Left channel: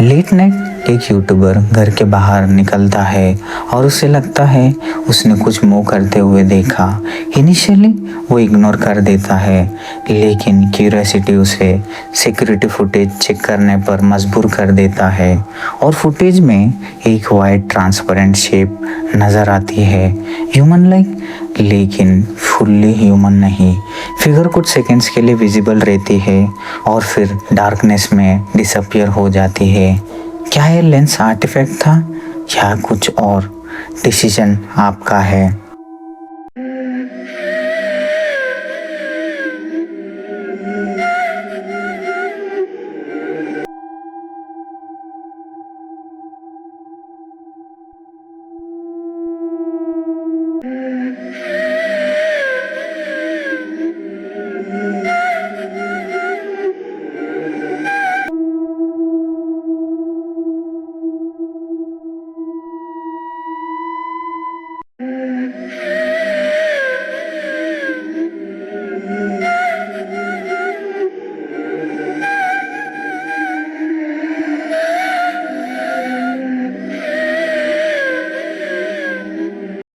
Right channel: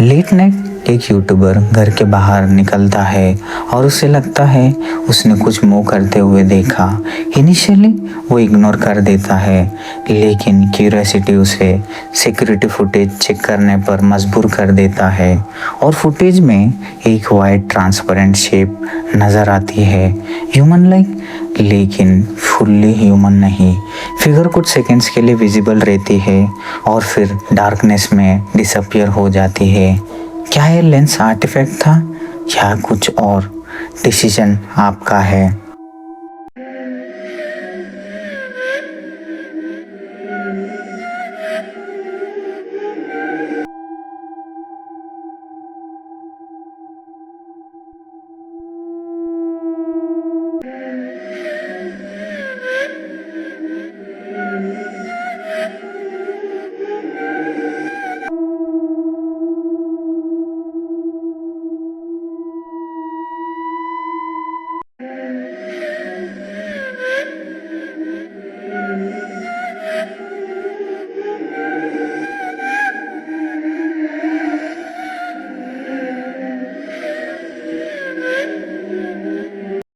Late night एक YouTuber घर के बाहर निकलता है और उसे लगता है उसने कुछ मूव करते हुए देखा। इनिशियली वो इग्नोर कर देता है, लेकिन क्यूरियोसिटी उसे सिक्योरिटी फुटेज चेक करने पर मजबूर कर देता है और फुटेज में एक वाइट ट्रांसपेरेंट शेप नज़र आती है, ह्यूमन लाइक लेकिन फुल्ली ह्यूमन नहीं। फिगर कुछ सेकंड्स के लिए विजिबल रहती है और फिर डार्कनेस में डिसअपियर हो जाती है। क्या ये लेंस आर्टिफैक्ट था या कुछ और? डिसीजन आपका है।